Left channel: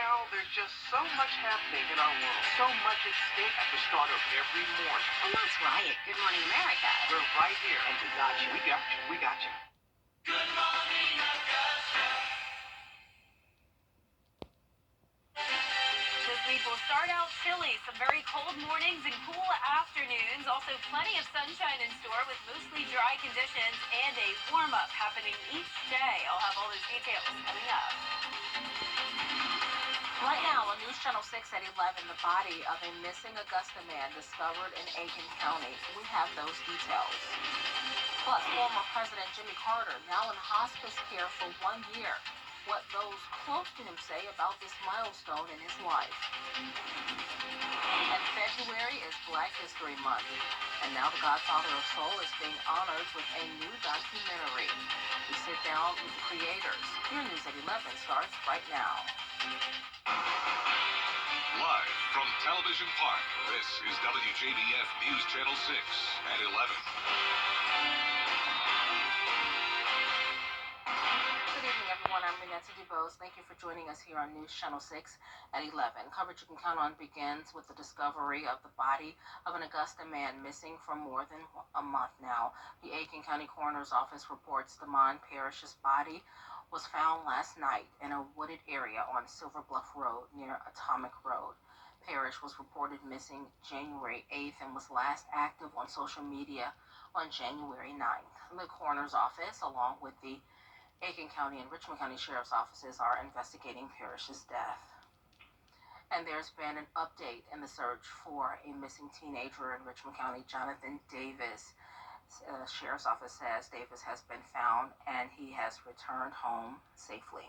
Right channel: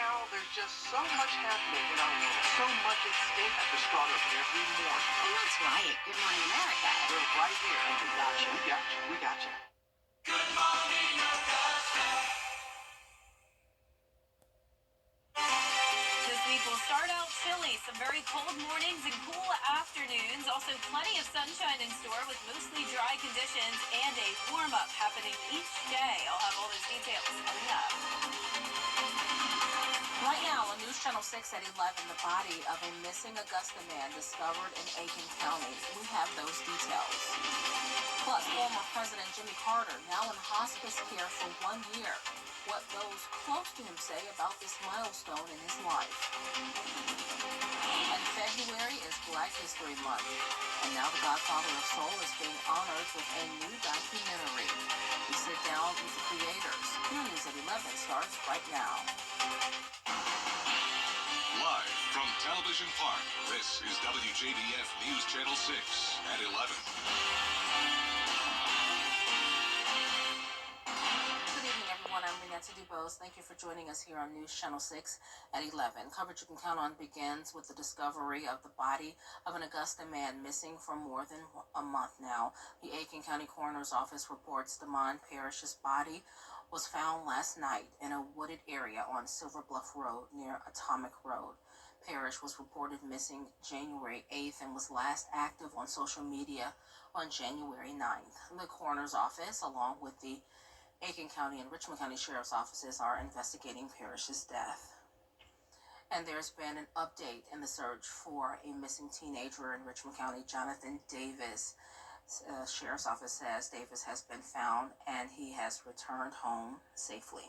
now, there's just so much happening in our world. So much at stake at the start of every morning. And that's right. Good Morning America. We're right here, and we got you. We got you. We got you. Good morning, Augusta. This week will start out chilly, some very cold mornings and cool afternoons. Also plenty of sunshine in store with mostly dry conditions and a warm-up happening each day. I'll have all those details coming up. Right now on News Channel 6 at 11, the body of a missing Augusta man discovered in Aiken County. We have those details. Plus, former President Jimmy Carter now in hospice care for 1 year. What those close to him say about this milestone in his life. And February is Black History Month. And now the Godfather of Soul is being honored with a new documentary. We sit down with the creators. Your News at 11 starts right now. Live from Television Park, this is WJBF News Channel 6 at 11. Good evening, everyone. I'm Renetta DuBose. Thank you for joining us here on News Channel 6 at 11. Coverage you can count on begins with the discovery of the body of an Augusta man missing for more than a month now. The Aiken County Coroner's Office reports Damon Parrish's body was found last night in a wooded area on Silver Bluff Road near Atomic Road. Parrish was reported missing January 8th and was last active on social media on January 9th. The coroner's office, along with the Aiken County and Richmond County Sheriff's offices, are investigating Parrish's death. And there's been an update in the search for a missing teenager in Richmond County, Jonathan Davis. Sheriff's office says Davis has been found and he has returned home safely.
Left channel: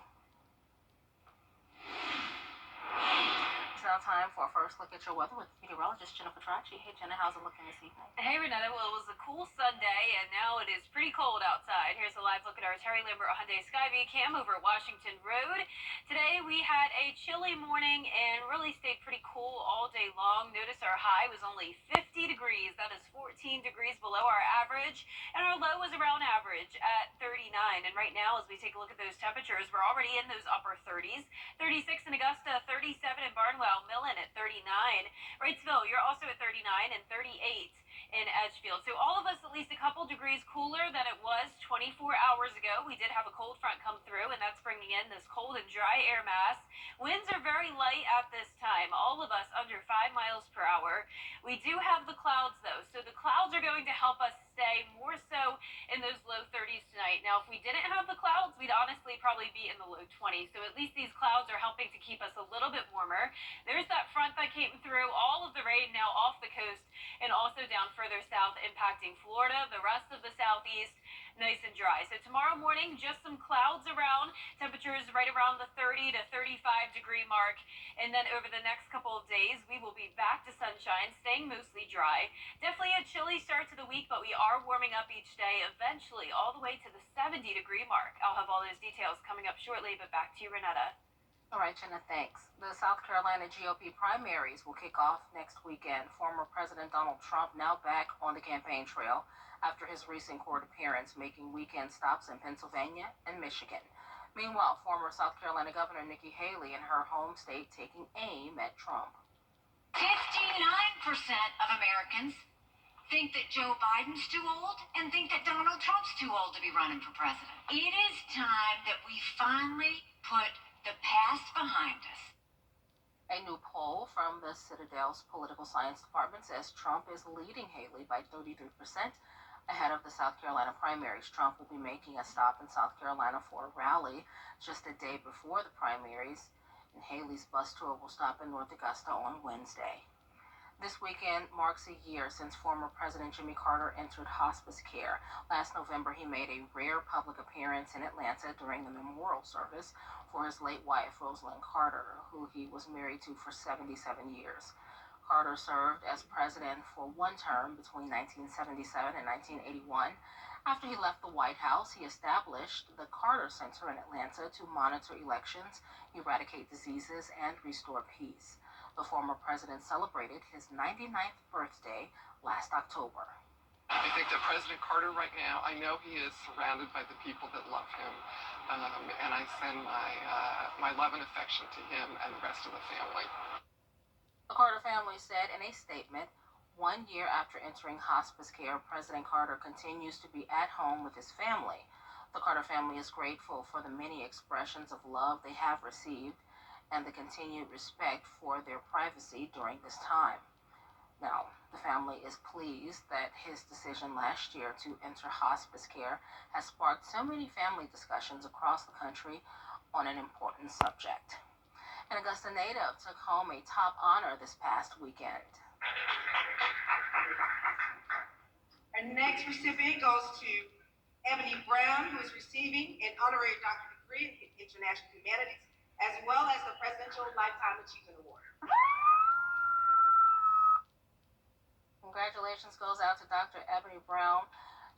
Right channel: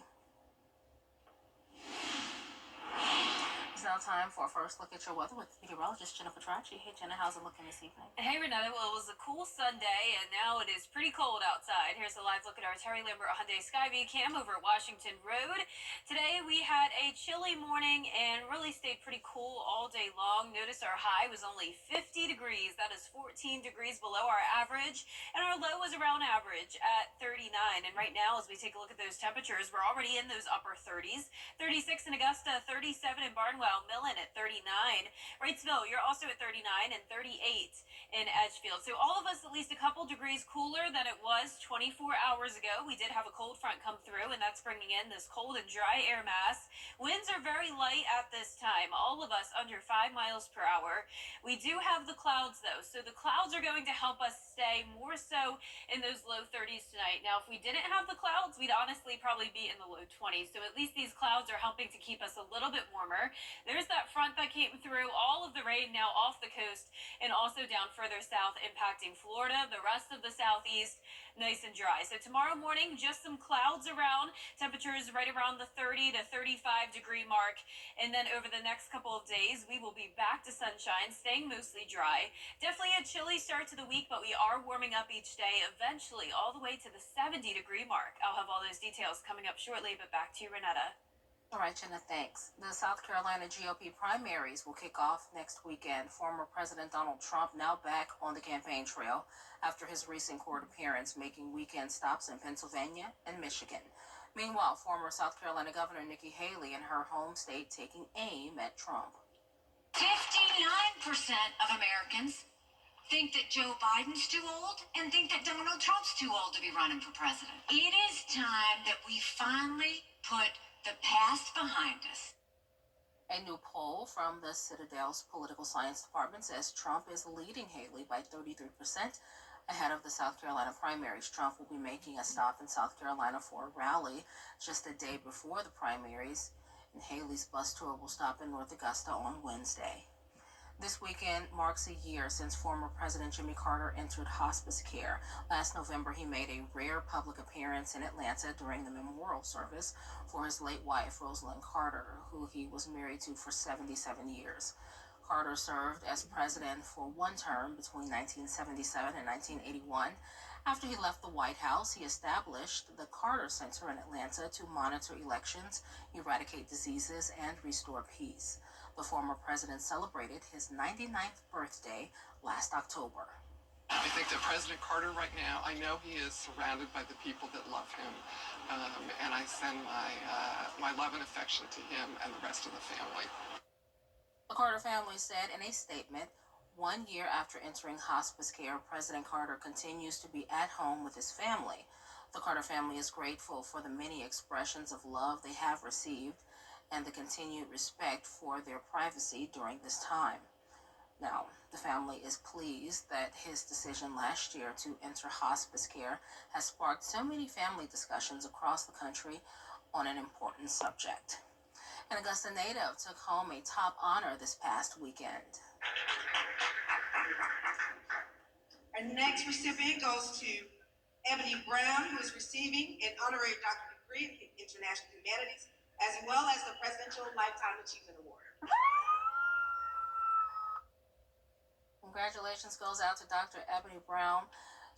It's now time for our first look at your weather with meteorologist Jennifer Tracci. Hey, Jenna, how's it looking this evening? Hey, Renata. Well, it was a cool Sunday, and now it is pretty cold outside. Here's a live look at our Terry Lambert Hyundai Skyview cam over at Washington Road. Today, we had a chilly morning and really stayed pretty cool all day long. Notice our high was only 50 degrees. That is 14 degrees below our average, and our low was around average at 39. And right now, as we take a look at those temperatures, we're already in those upper 30s. 36 in Augusta, 37 in Barnwell, Millen at 39. Wrightsville, you're also at 39, and 38 in Edgefield. So all of us at least a couple degrees cooler than it was 24 hours ago. We did have a cold front come through, and that's bringing in this cold and dry air mass. Winds are very light at this time, all of us under 5 miles per hour. We do have the clouds, though, so the clouds are going to help us stay more so in those low 30s tonight. Now, if we didn't have the clouds, we'd honestly probably be in the low 20s, so at least these clouds are helping to keep us a little bit warmer. There's that front that came through, all of the rain now off the coast and also down further south impacting Florida, the rest of the southeast nice and dry. So tomorrow morning, just some clouds around, temperatures right around the 30 to 35 degree mark. And then over the next couple of days, we will be back to sunshine, staying mostly dry. Definitely a chilly start to the week, but we are warming up each day, eventually all the way to the 70 degree mark. I'll have all those details coming up shortly, but back to you, Renetta. All right, Jenna, thanks. The South Carolina GOP primaries will kick off next weekend. Former President Donald Trump now back on the campaign trail after his recent court appearance, making weekend stops in Pennsylvania and Michigan. Meanwhile, former South Carolina Governor Nikki Haley in her home state taking aim at Trump. 59% of Americans think that Joe Biden's too old and think that Donald Trump's too old to be running for president. It is time that we finally put the past behind us. A new poll from the Citadel's Political Science Department says Trump is leading Haley by 33% ahead of the South Carolina primaries. Trump will be making a stop in South Carolina for a rally just a day before the primaries, and Haley's bus tour will stop in North Augusta on Wednesday. This weekend marks a year since former President Jimmy Carter entered hospice care. Last November, he made a rare public appearance in Atlanta during the memorial service for his late wife, Rosalind Carter, who he was married to for 77 years. Carter served as president for one term between 1977 and 1981. After he left the White House, he established the Carter Center in Atlanta to monitor elections, eradicate diseases, and restore peace. The former president celebrated his 99th birthday last October. I think that President Carter right now, I know he is surrounded by the people that love him, and I send my love and affection to him and the rest of the family. The Carter family said in a statement, 1 year after entering hospice care, President Carter continues to be at home with his family. The Carter family is grateful for the many expressions of love they have received and the continued respect for their privacy during this time. Now, the family is pleased that his decision last year to enter hospice care has sparked so many family discussions across the country on an important subject. An Augusta native took home a top honor this past weekend. Our next recipient goes to Ebony Brown, who is receiving an honorary doctorate degree in international humanities, as well as the Presidential Lifetime Achievement Award. Congratulations goes out to Dr. Ebony Brown.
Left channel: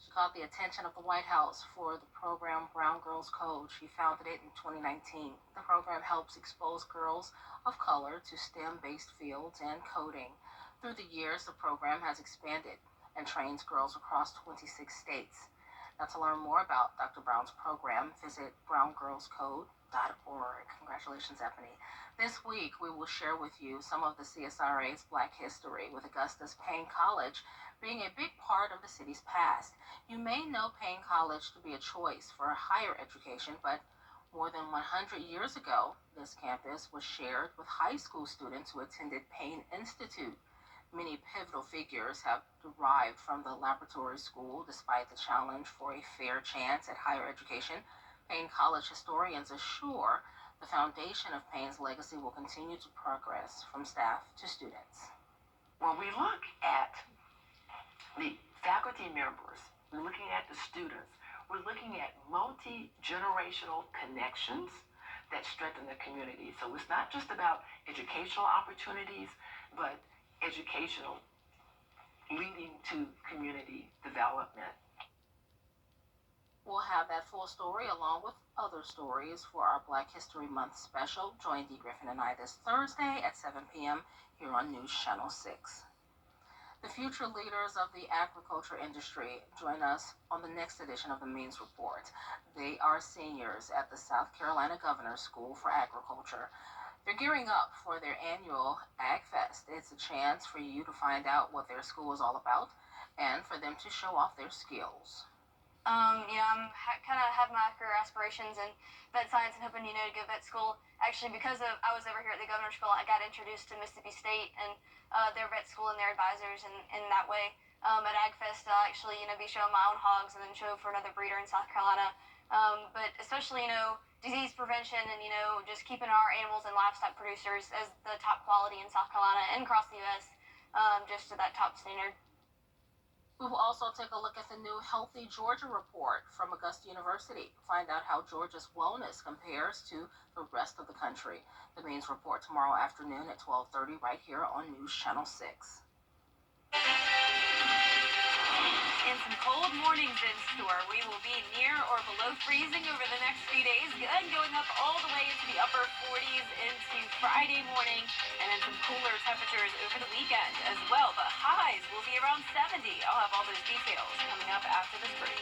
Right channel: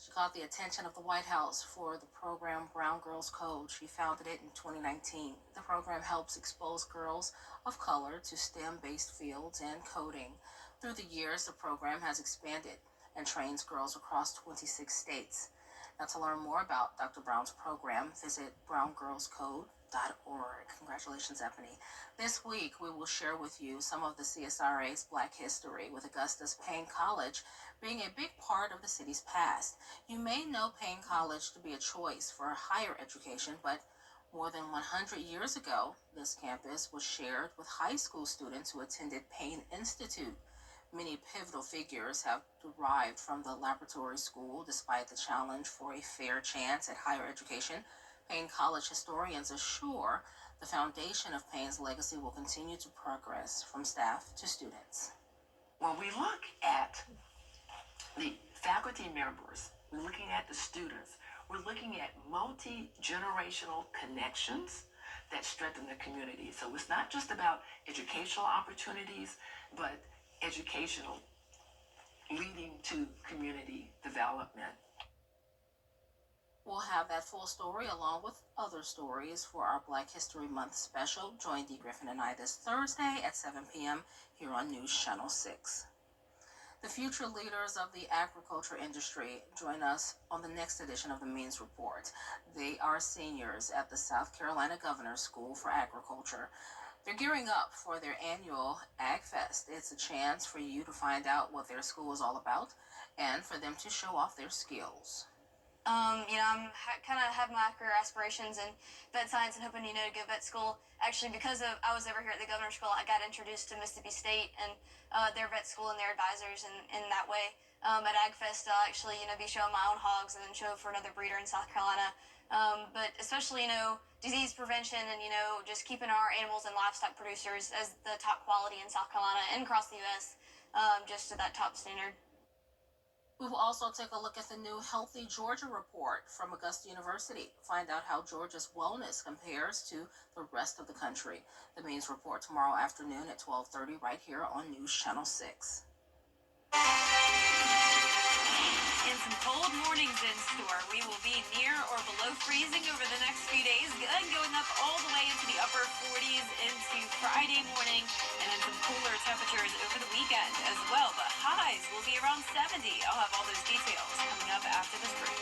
She caught the attention of the White House for the program Brown Girls Code. She founded it in 2019. The program helps expose girls of color to STEM-based fields and coding. Through the years, the program has expanded and trains girls across 26 states. Now, to learn more about Dr. Brown's program, visit browngirlscode.org. Congratulations, Ebony. This week, we will share with you some of the CSRA's Black history, with Augusta's Payne College being a big part of the city's past. You may know Payne College to be a choice for higher education, but more than 100 years ago, this campus was shared with high school students who attended Payne Institute. Many pivotal figures have derived from the laboratory school despite the challenge for a fair chance at higher education. Payne College historians assure the foundation of Payne's legacy will continue to progress from staff to students. When we look at the faculty members, we're looking at the students, we're looking at multi-generational connections that strengthen the community. So it's not just about educational opportunities, but educational leading to community development. We'll have that full story along with other stories for our Black History Month special. Join Dee Griffin and I this Thursday at 7 p.m. here on News Channel 6. The future leaders of the agriculture industry join us on the next edition of the Means Report. They are seniors at the South Carolina Governor's School for Agriculture. They're gearing up for their annual Ag Fest. It's a chance for you to find out what their school is all about and for them to show off their skills. I'm kind of have my career aspirations in vet science and hoping, to go vet school. Actually, because I was over here at the governor's school, I got introduced to Mississippi State and their vet school and their advisors, and in that way, at AgFest, I'll actually, be showing my own hogs and then show for another breeder in South Carolina. But especially, disease prevention and, just keeping our animals and livestock producers as the top quality in South Carolina and across the U.S., just to that top standard. We will also take a look at the new Healthy Georgia report from Augusta University. Find out how Georgia's wellness compares to the rest of the country. The Means Report tomorrow afternoon at 12:30 right here on News Channel 6. And some cold mornings in store. We will be near or below freezing over the next few days, and going up all the way into the upper 40s into Friday morning, and then some cooler temperatures over the weekend as well. But highs will be around 70. I'll have all those details coming up after this break.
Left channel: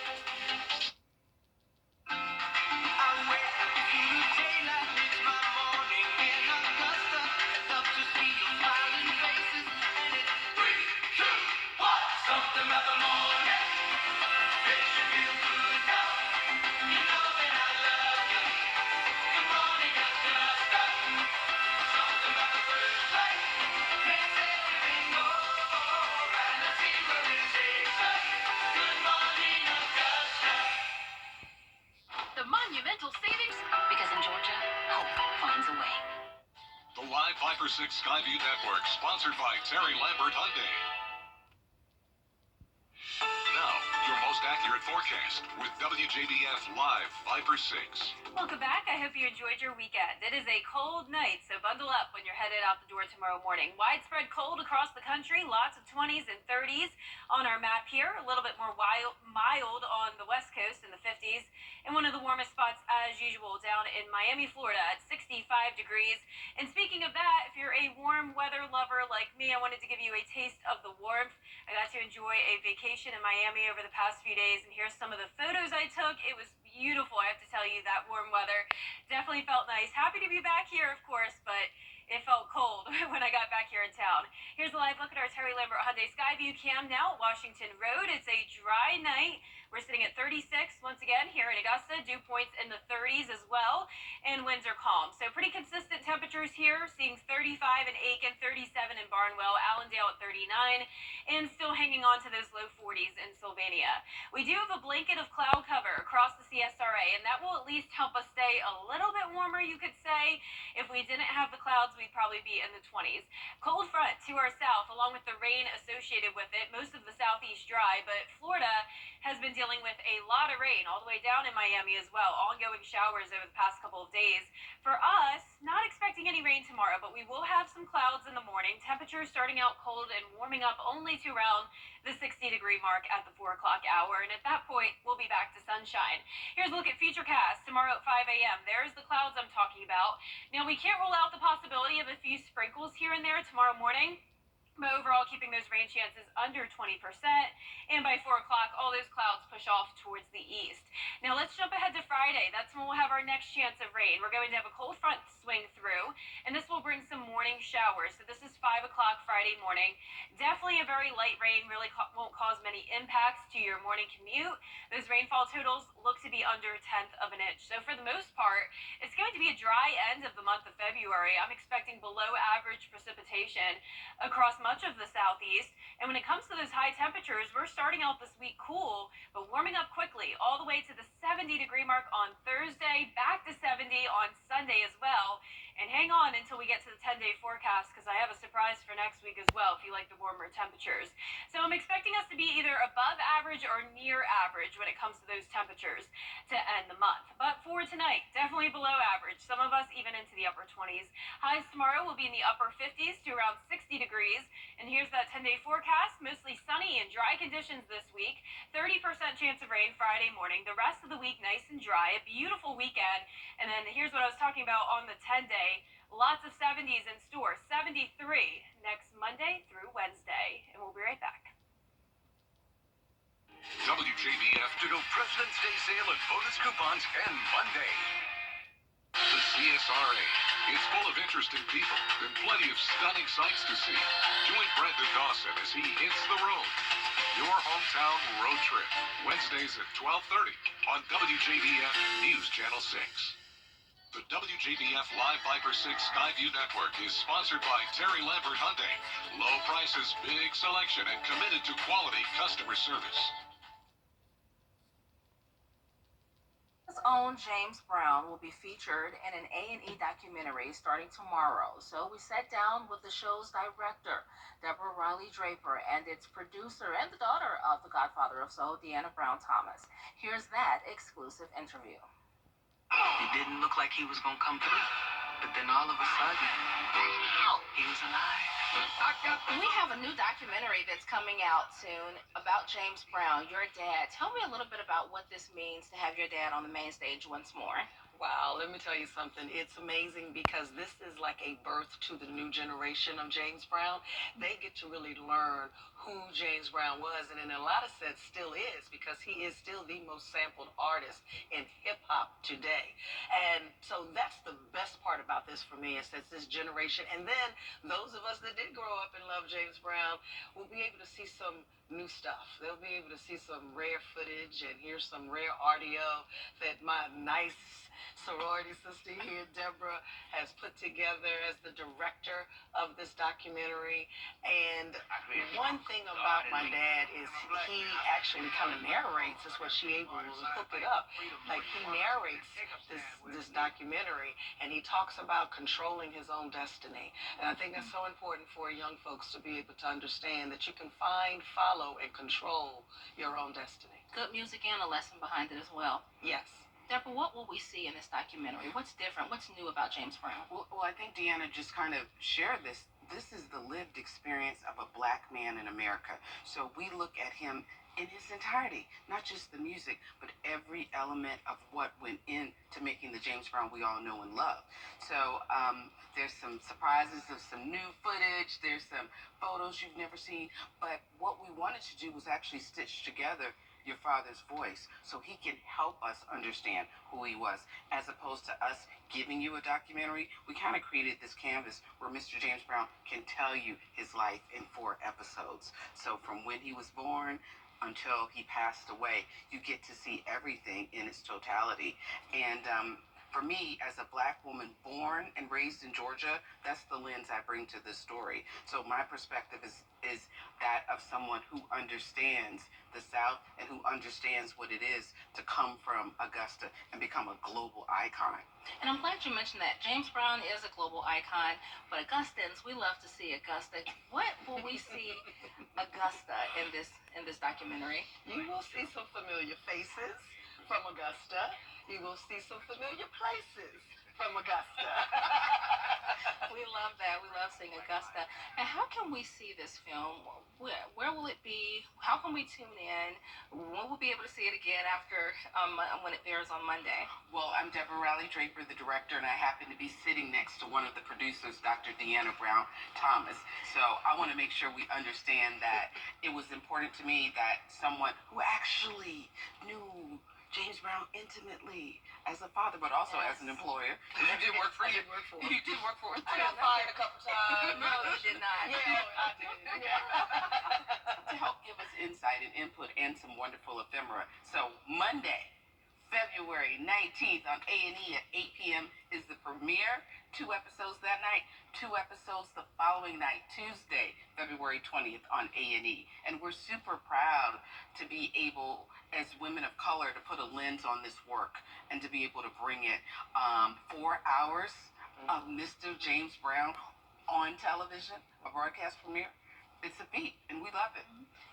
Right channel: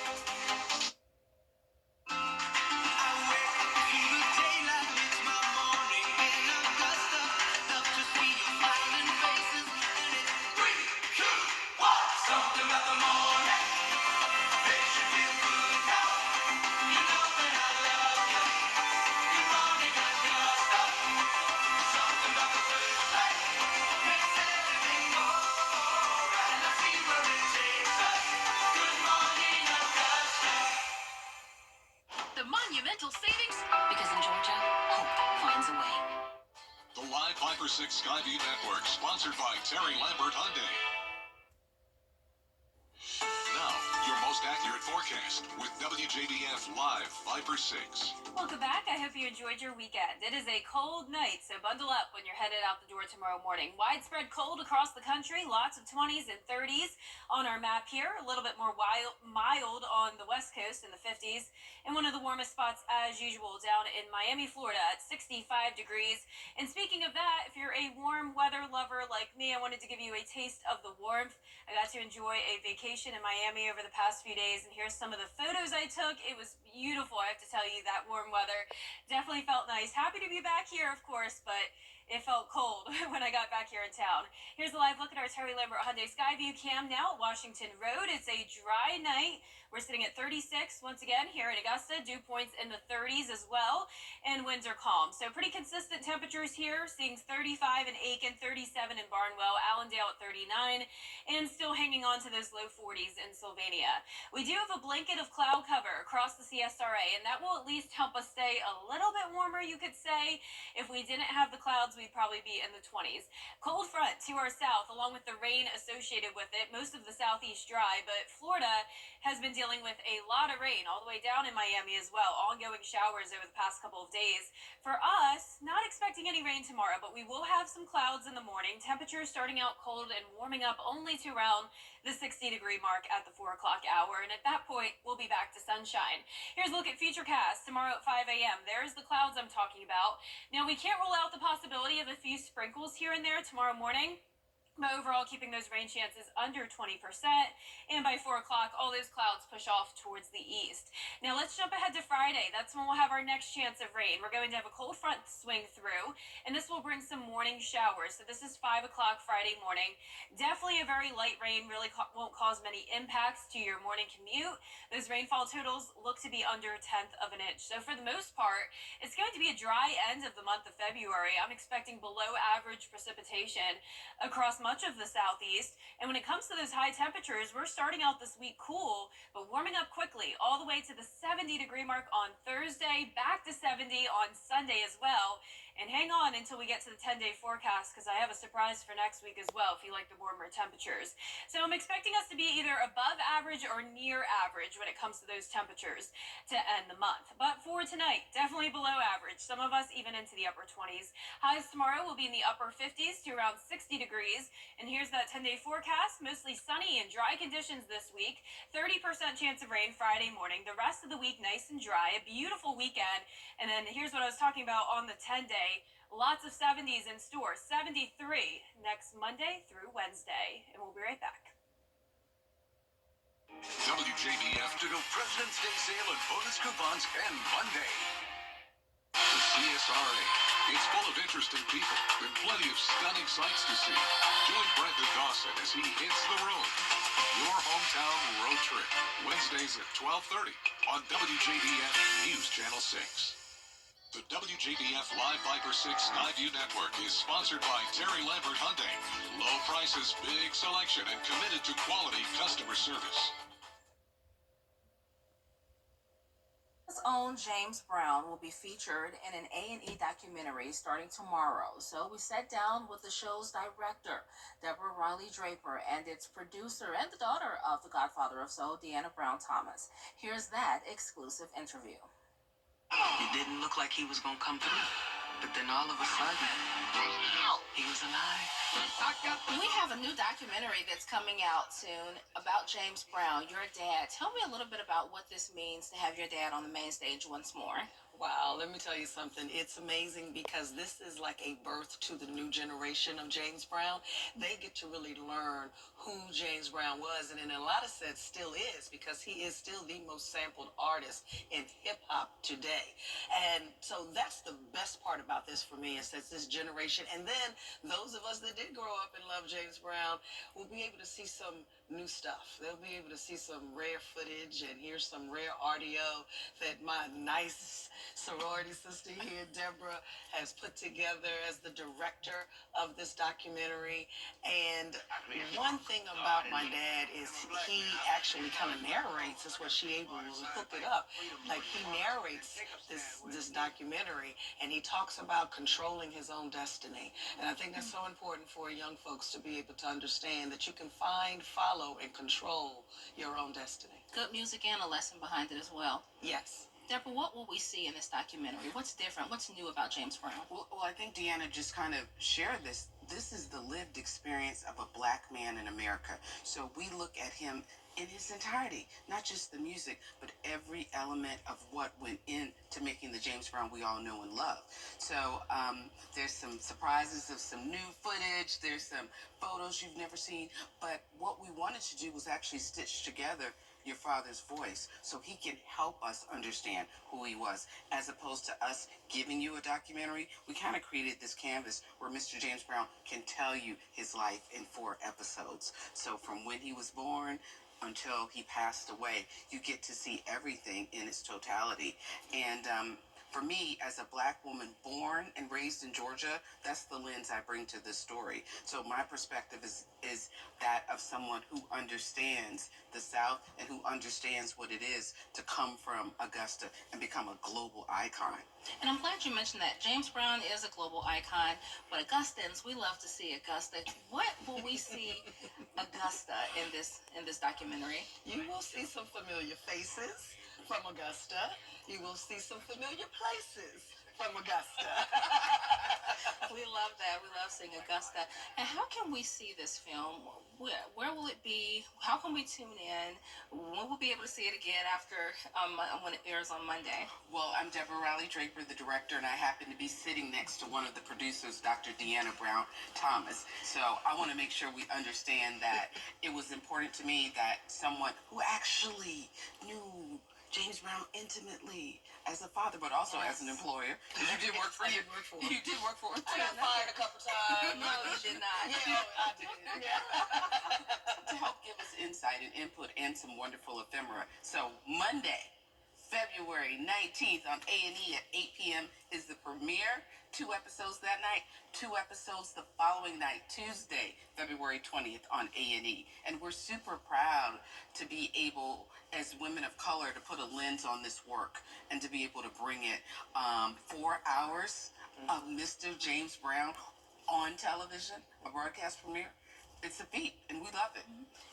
Something about the morning makes you feel good now. You know that I love you. Good morning, Augusta. Something about the first light makes everything go right. Let's see where it takes us. Good morning, Augusta. The monumental savings, because in Georgia, hope finds a way. The Live 5 for 6 Skyview Network, sponsored by Terry Lambert Hyundai. Now, your most most accurate forecast with WJBF Live Viper 6. Welcome back. I hope you enjoyed your weekend. It is a cold night, so bundle up when you're headed out the door tomorrow morning. Widespread cold across the country, lots of 20s and 30s on our map here. A little bit more mild on the West Coast in the 50s. And one of the warmest spots, as usual, down in Miami, Florida at 65 degrees. And speaking of that, if you're a warm weather lover like me, I wanted to give you a taste of the warmth. I got to enjoy a vacation in Miami over the past few days, and here's some of the photos I took. It was beautiful, I have to tell you. That warm weather definitely felt nice. Happy to be back here, of course, but it felt cold when I got back here in town. Here's a live look at our Terry Lambert Hyundai Skyview cam now at Washington Road. It's a dry night. We're sitting at 36 once again here in Augusta. Dew points in the 30s as well, and winds are calm. So pretty consistent temperatures here, seeing 35 in Aiken, 37 in Barnwell, Allendale at 39, and still hanging on to those low 40s in Sylvania. We do have a blanket of cloud cover across the CSRA, and that will at least help us stay a little bit warmer, you could say. If we didn't have the clouds, we'd probably be in the 20s. Cold front to our south, along with the rain associated with it. Most of the southeast dry, but Florida has been dealing with a lot of rain all the way down in Miami as well. Ongoing showers over the past couple of days. For us, not expecting any rain tomorrow, but we will have some clouds in the morning. Temperatures starting out cold and warming up only to around the 60-degree mark at the 4 o'clock hour. And at that point, we'll be back to sunshine. Here's a look at Futurecast tomorrow at 5 a.m. There's the clouds I'm talking about. Now, we can't rule out the possibility of a few sprinkles here and there tomorrow morning, but overall keeping those rain chances under 20%. And by 4 o'clock, all those clouds push off towards the east. Now let's jump ahead to Friday. That's when we'll have our next chance of rain. We're going to have a cold front swing through, and this will bring some morning showers. So this is 5 o'clock Friday morning. Definitely a very light rain, really won't cause many impacts to your morning commute. Those rainfall totals look to be under 1/10 of an inch. So for the most part, it's going to be a dry end of the month of February. I'm expecting below average precipitation across much of the southeast. And when it comes to those high temperatures, we're starting out this week cool, but warming up quickly all the way to the 70-degree mark on Thursday, back to 70 on Sunday as well. And hang on until we get to the 10-day forecast, because I have a surprise for next week as well if you like the warmer temperatures. So I'm expecting us to be either above average or near average when it comes to those temperatures to end the month. But for tonight, definitely below average. Some of us even into the upper 20s. Highs tomorrow will be in the upper 50s to around 60 degrees. And here's that 10-day forecast. Mostly sunny and dry conditions this week. 30% chance of rain Friday morning. The rest of the week nice and dry. A beautiful weekend. And then here's what I was talking about on the 10-day. Lots of 70s in store. 73 next Monday through Wednesday. And we'll be right back. WJBF To go President's Day sale and bonus coupons end Monday. The CSRA. It's full of interesting people and plenty of stunning sights to see. Join Brendan Dawson as he hits the road. Your hometown road trip. Wednesdays at 12:30 on WJBF News Channel 6. The WJBF Live Viper 6 Skyview Network is sponsored by Terry Lambert Hyundai. Low prices, big selection, and committed to quality customer service. His own James Brown will be featured in an A&E documentary starting tomorrow. So we sat down with the show's director, Deborah Riley Draper, and its producer and the daughter of the godfather of soul, Deanna Brown Thomas. Here's that exclusive interview. It didn't look like he was gonna come through, but then all of a sudden, he was alive. We have a new documentary that's coming out soon about James Brown, your dad. Tell me a little bit about what this means to have your dad on the main stage once more. Wow, let me tell you something. It's amazing because this is like a birth to the new generation of James Brown. They get to really learn who James Brown was, and in a lot of sense still is, because he is still the most sampled artist in hip-hop today. And so that's the best part about this for me, is that this generation, and then those of us that did grow up and love James Brown, will be able to see some new stuff. They'll be able to see some rare footage and hear some rare audio that my nice sorority sister here, Deborah, has put together as the director of this documentary. And one thing about my dad is he actually kind of narrates. That's what she able to hook it up. Like, he narrates this documentary, and he talks about controlling his own destiny. And I think that's so important for young folks to be able to understand that you can find, follow, and control your own destiny. Good music and a lesson behind it as well. Yes. Deborah, what will we see in this documentary? What's different? What's new about James Brown? Well, I think Deanna just kind of shared this. This is the lived experience of a black man in America. So we look at him in his entirety, not just the music, but every element of what went into making the James Brown we all know and love. So there's some surprises of some new footage. There's some photos you've never seen. But what we wanted to do was actually stitch together your father's voice so he can help us understand who he was, as opposed to us giving you a documentary. We kind of created this canvas where Mr. James Brown can tell you his life in 4 episodes. So from when he was born until he passed away, you get to see everything in its totality. And for me, as a black woman born and raised in Georgia, that's the lens I bring to this story. So my perspective is that of someone who understands the South and who understands what it is to come from Augusta and become a global icon. And I'm glad you mentioned that. James Brown is a global icon, but Augustans, we love to see Augusta. What will we see Augusta in this documentary? You will see some familiar faces from Augusta. You will see some familiar places from Augusta. We love that. We love seeing Augusta. And how can we see this film? Where will it be? How can we tune in? When will we be able to see it again after when it airs on Monday? Well, I'm Deborah Riley Draper, the director, and I happen to be sitting next to one of the producers, Dr. Deanna Brown Thomas. So I want to make sure we understand that it was important to me that someone who actually knew James Brown intimately as a father, but also as an employer. You did work for him. You did work for him too. I got fired a couple times. No, you did not. Yeah, I did. Yeah. To help give us insight and input and some wonderful ephemera. So Monday, February 19th on A&E at 8 p.m. is the premiere. 2 episodes that night, 2 episodes the following night, Tuesday, February 20th on A&E. And we're super proud to be able, as women of color, to put a lens on this work and to be able to bring it 4 hours of Mr. James Brown on television, a broadcast premiere. It's a feat, and we love it.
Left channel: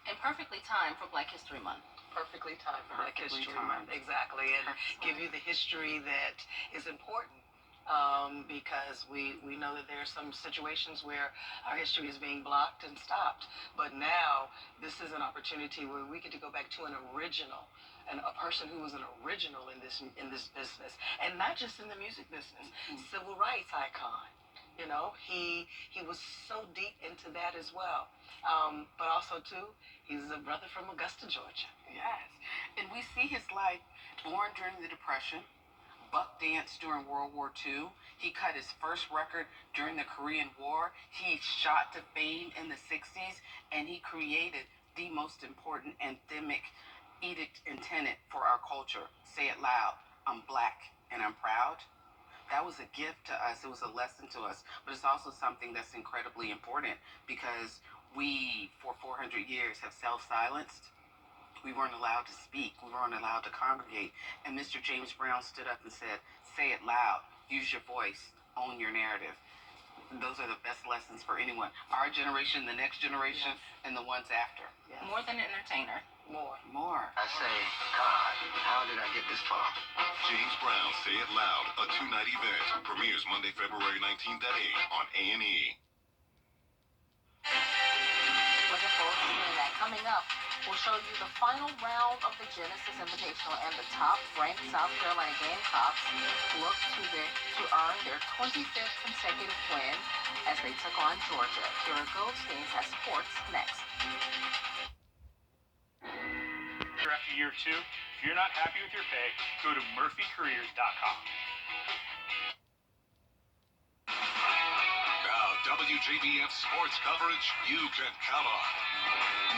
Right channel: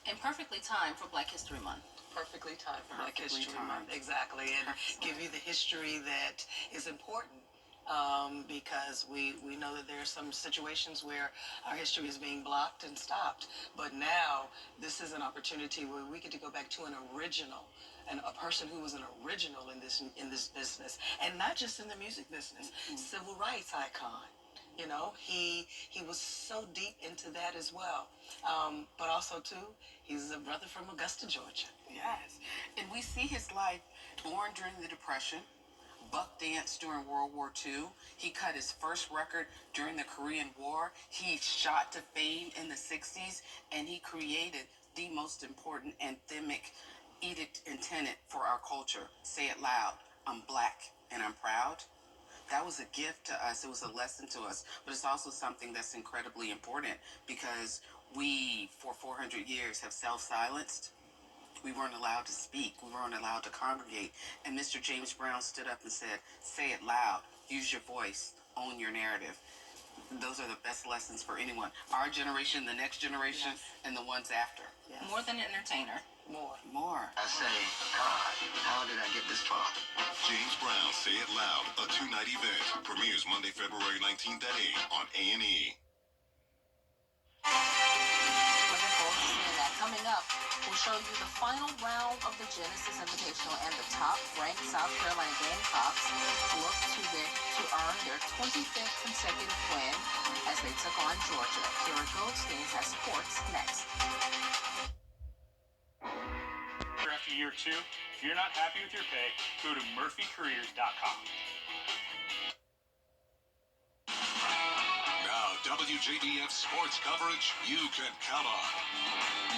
And perfectly timed for Black History Month. Perfectly timed for Black Perfectly History timed. Month, exactly, and give you the history that is important. Because we know that there are some situations where our history is being blocked and stopped. But now this is an opportunity where we get to go back to an original, and a person who was an original in this business, and not just in the music business, civil rights icon. You know, he was so deep into that as well. But also too, he's a brother from Augusta, Georgia. Yes. And we see his life born during the Depression, buck danced during World War II. He cut his first record during the Korean War. He shot to fame in the 60s, and he created the most important anthemic edict and tenet for our culture. Say it loud. I'm black and I'm proud. That was a gift to us. It was a lesson to us. But it's also something that's incredibly important because we, for 400 years, have self-silenced. We weren't allowed to speak. We weren't allowed to congregate. And Mr. James Brown stood up and said, say it loud. Use your voice. Own your narrative. Those are the best lessons for anyone. Our generation, the next generation, and the ones after. Yes. More than an entertainer. More. I say, God, how did I get this far? James Brown, Say It Loud, a 2-night event. Premieres Monday, February 19th at 8 on A&E. Looking forward to seeing that. Coming up, we'll show you the final round of the Genesis Invitational, and the top-ranked South Carolina Gamecocks look to earn their 25th consecutive win as they took on Georgia. Kara Goldstein has sports next. After year 2, if you're not happy with your pay, go to murphycareers.com. Now, WJBF sports coverage you can count on.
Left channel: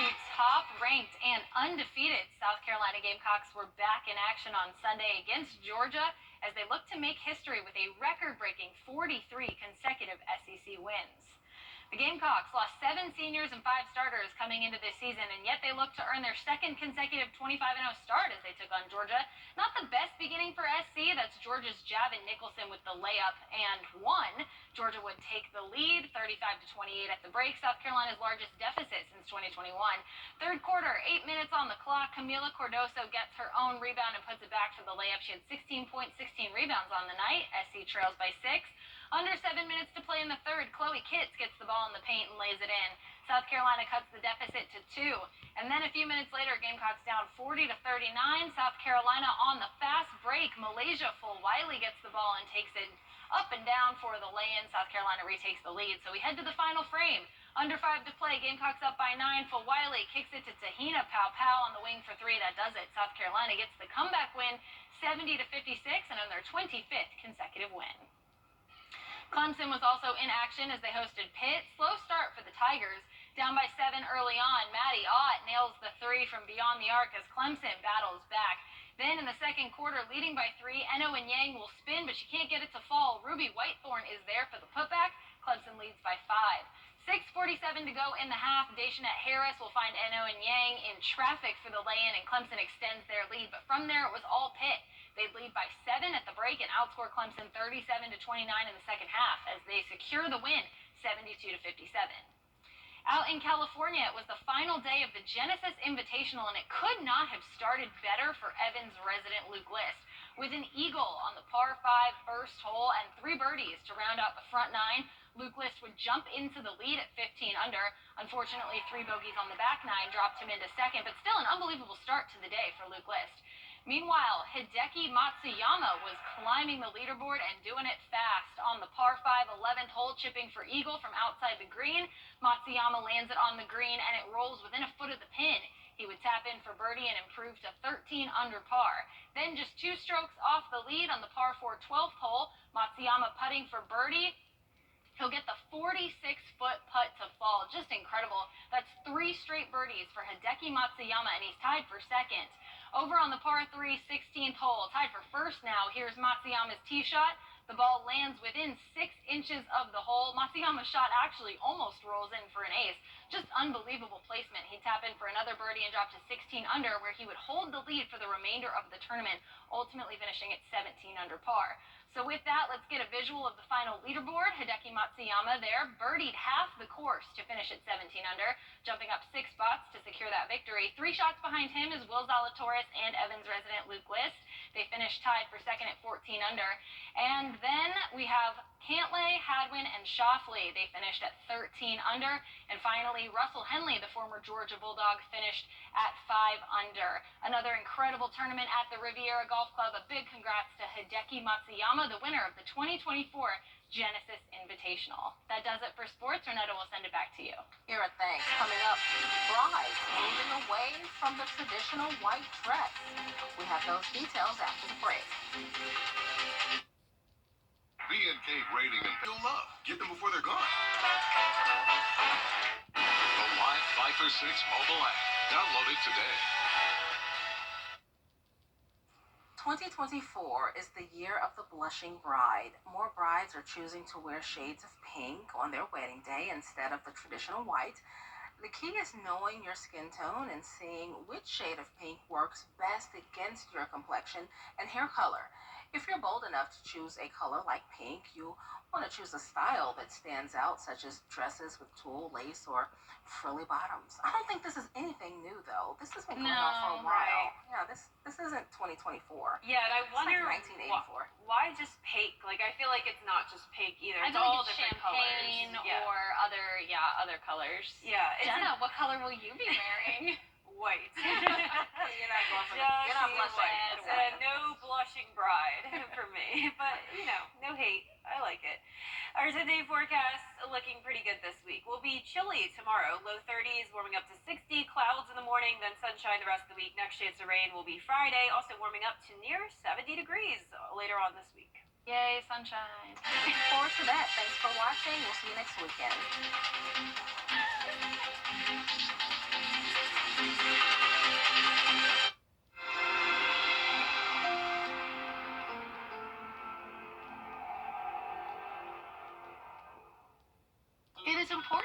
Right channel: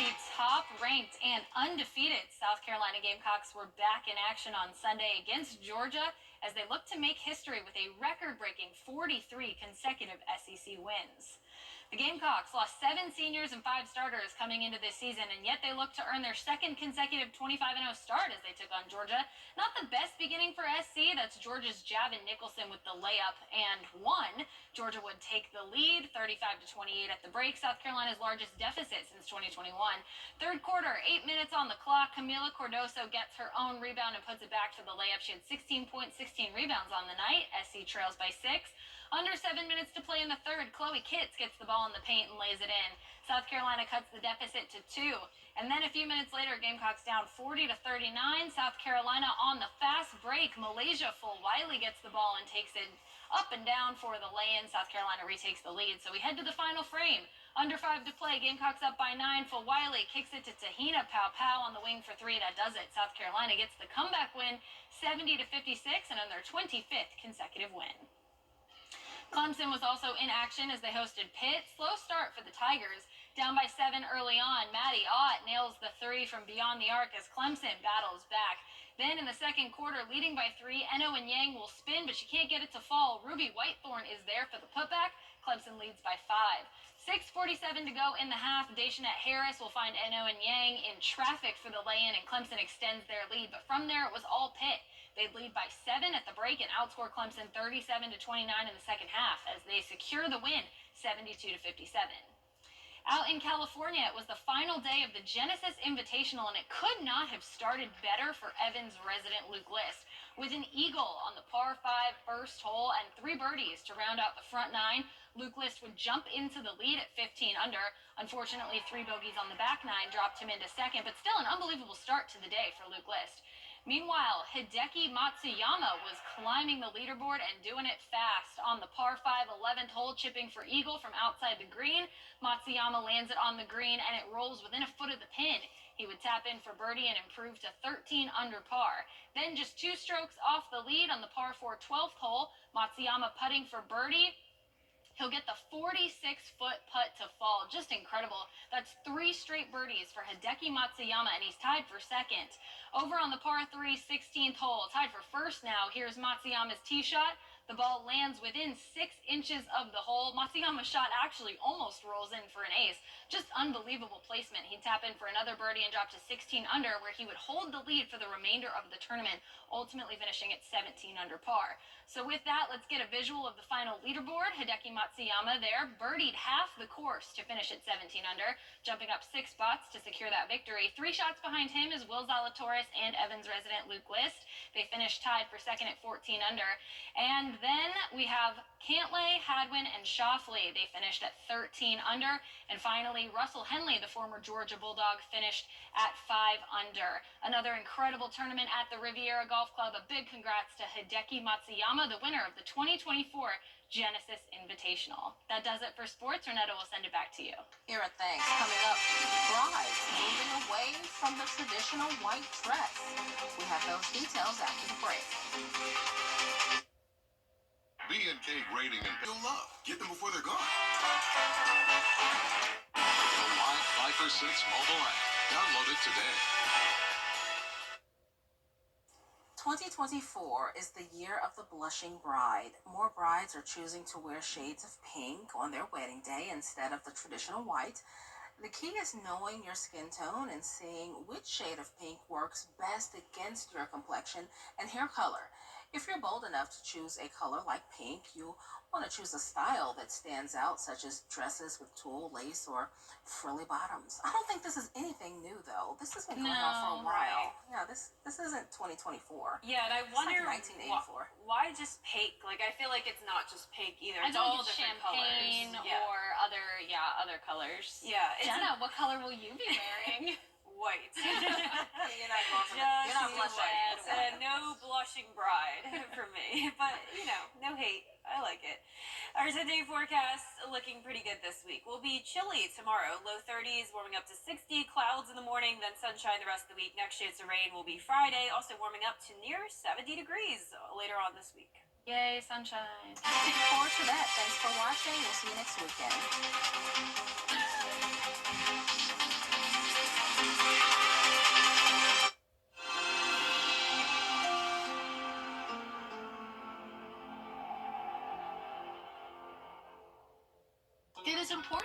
The top-ranked and undefeated South Carolina Gamecocks were back in action on Sunday against Georgia as they look to make history with a record-breaking 43 consecutive SEC wins. The Gamecocks lost 7 seniors and 5 starters coming into this season, and yet they look to earn their second consecutive 25-0 start as they took on Georgia. Not the best beginning for SC. That's Georgia's Javin Nicholson with the layup and one. Georgia would take the lead 35-28 at the break, South Carolina's largest deficit since 2021. Third quarter, 8 minutes on the clock. Camila Cordoso gets her own rebound and puts it back for the layup. She had 16 points, 16 rebounds on the night. SC trails by 6. Under 7 minutes to play in the third, Chloe Kitts gets the ball in the paint and lays it in. South Carolina cuts the deficit to 2. And then a few minutes later, Gamecocks down 40-39. South Carolina on the fast break. Malaysia Fulwiley gets the ball and takes it up and down for the lay-in. South Carolina retakes the lead. So we head to the final frame. Under 5 to play, Gamecocks up by 9. Fulwiley kicks it to Tahina Pow on the wing for 3. That does it. South Carolina gets the comeback win, 70-56, and on their 25th consecutive win. Clemson was also in action as they hosted Pitt. Slow start for the Tigers. Down by 7 early on, Maddie Ott nails the 3 from beyond the arc as Clemson battles back. Then in the second quarter, leading by 3, Eno and Yang will spin, but she can't get it to fall. Ruby Whitethorn is there for the putback. Clemson leads by 5. 6:47 to go in the half. Dejanette Harris will find Eno and Yang in traffic for the lay-in, and Clemson extends their lead. But from there, it was all Pitt. They'd lead by 7 at the break and outscore Clemson 37-29 in the second half as they secure the win, 72-57. Out in California, it was the final day of the Genesis Invitational, and it could not have started better for Evans resident Luke List. With an eagle on the par 5 first hole and 3 birdies to round out the front 9, Luke List would jump into the lead at 15 under. Unfortunately, 3 bogeys on the back 9 dropped him into second, but still an unbelievable start to the day for Luke List. Meanwhile, Hideki Matsuyama was climbing the leaderboard and doing it fast on the par 5 11th hole, chipping for eagle from outside the green. Matsuyama lands it on the green and it rolls within a foot of the pin. He would tap in for birdie and improve to 13 under par. Then just 2 strokes off the lead on the par 4 12th hole, Matsuyama putting for birdie. He'll get the 46-foot putt to fall. Just incredible. That's 3 straight birdies for Hideki Matsuyama, and he's tied for second. Over on the par 3 16th hole, tied for first now, here's Matsuyama's tee shot. The ball lands within 6 inches of the hole. Matsuyama's shot actually almost rolls in for an ace. Just unbelievable placement. He'd tap in for another birdie and drop to 16 under, where he would hold the lead for the remainder of the tournament, ultimately finishing at 17 under par. So with that, let's get a visual of the final leaderboard. Hideki Matsuyama there birdied half the course to finish at 17 under, jumping up 6 spots to secure that victory. 3 shots behind him is Will Zalatoris and Evans resident Luke List. They finished tied for second at 14 under. And then we have Cantlay, Hadwin, and Shoffley. They finished at 13 under. And finally, Russell Henley, the former Georgia Bulldog, finished at 5 under. Another incredible tournament at the Riviera Golf Club. A big congrats to Hideki Matsuyama, the winner of the 2024 Genesis Invitational. That does it for sports. Renetta will send it back to you. Here are thanks. Coming up, brides moving away from the traditional white dress. We have those details after the break. B&K Grading and you'll love. Get them before they're gone. The Live 5 for 6 mobile app. Download it today. 2024 is the year of the blushing bride. More brides are choosing to wear shades of pink on their wedding day instead of the traditional white. The key is knowing your skin tone and seeing which shade of pink works best against your complexion and hair color. If you're bold enough to choose a color like pink, you want to choose a style that stands out, such as dresses with tulle, lace, or frilly bottoms. I don't think this is anything new, though. This has been going on for a while. Right. Yeah, this isn't 2024. Yeah, and I wonder like 1984. Why just pink? Like, I feel like it's not just pink either. I It's feel all like it's different champagne colors. Yeah. or other colors. Yeah, it's Jenna, what color will you be wearing? white. You're not going for Just you're not blushing. white. No blushing bride for me. But, you know, no hate. I like it. Our 10-day forecast looking pretty good this week. We'll be chilly tomorrow. Low 30s, warming up to 60. Clouds in the morning, then sunshine the rest of the week. Next chance of rain will be Friday. Also warming up to near 70 degrees later on this week. Yay, sunshine. Looking forward to that. Thanks for watching. We'll see you next weekend. It is is important.